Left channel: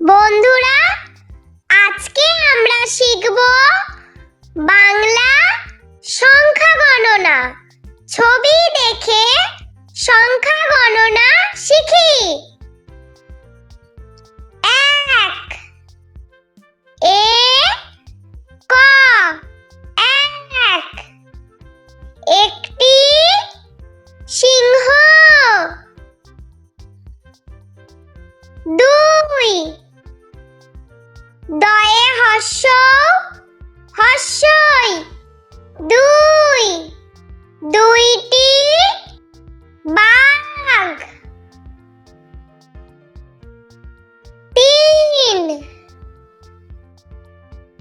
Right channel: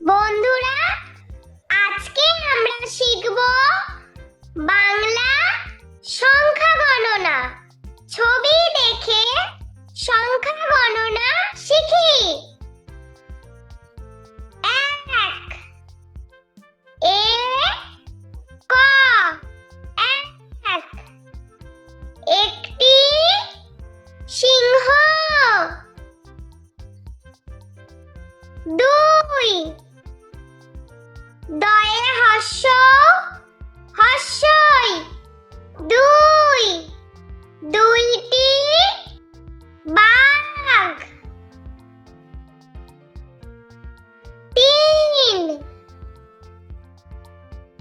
বন্ধুরা, আজকে আমরা শিখব বাংলা সংখ্যা গণনা। ছবি দেখে সংখ্যা গণনা শিখি। 1 ক 1 একটি সিংহ। 2 দয়ে হস্যই 2 দুইটি বাঘ। 3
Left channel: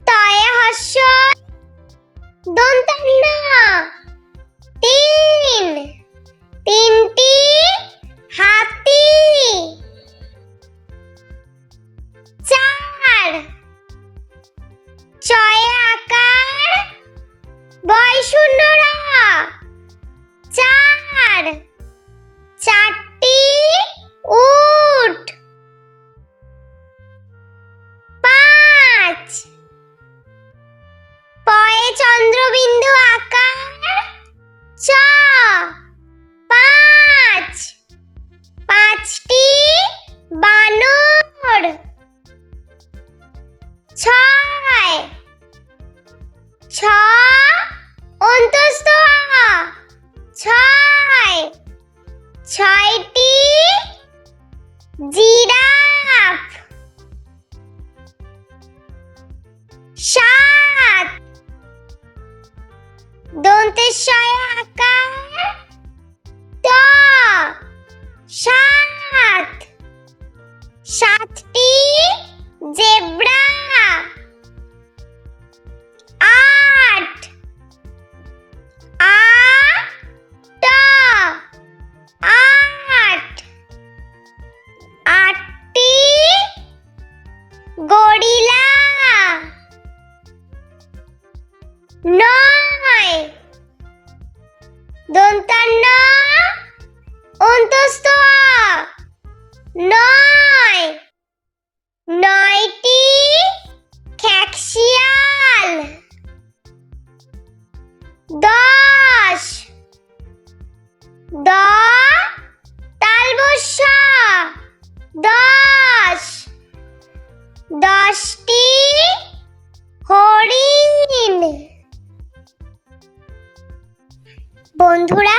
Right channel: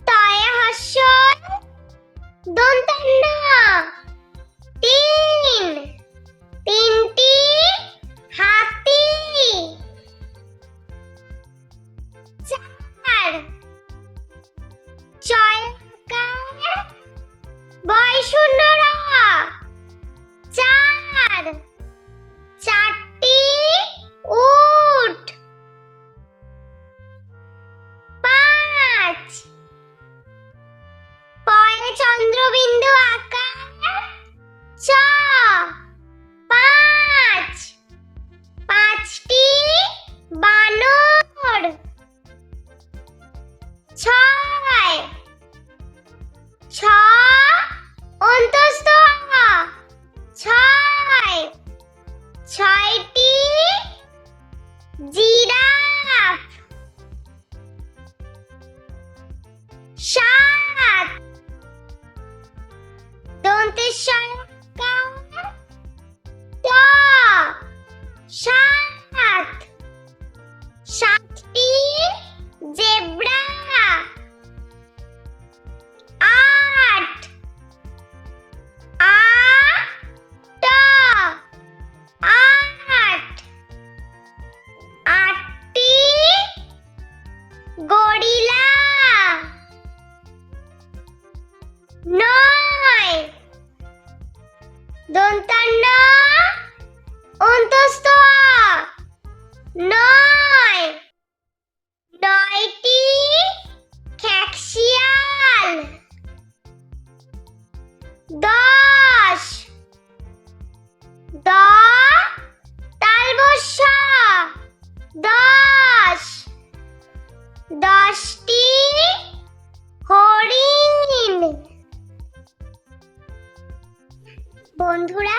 তয়ে হস্যই দন্তান্ন 3 তিনটি হাতি। 4 ছয়ে আকার বয় শূন্য র 4 চারটি উট। 5 পয়ে চন্দ্রবিন্দু আকার চ 5 পাঁচটি বানর। 6 ছ অন্তস্থ আ 6 ছয়টি জিরাফ। 7 দন্তেশ্বয় আকার ত 7 সাতটি জেব্রা। 8 আ ট 8 আটটি গরিলা। 9 দন্তান্ন অন্তস্থ আ 9 নয়টি খ্যাকশিয়াল। 10 দ তালবস্য 10 দশটি হরিণ। বন্ধুরা,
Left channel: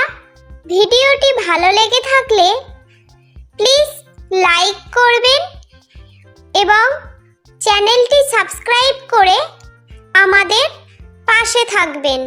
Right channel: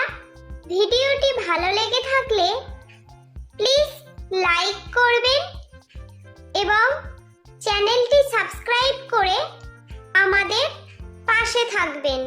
ভিডিওটি ভালো লেগে থাকলে প্লিজ লাইক করবেন এবং চ্যানেলটি সাবস্ক্রাইব করে আমাদের পাশে থাকবেন।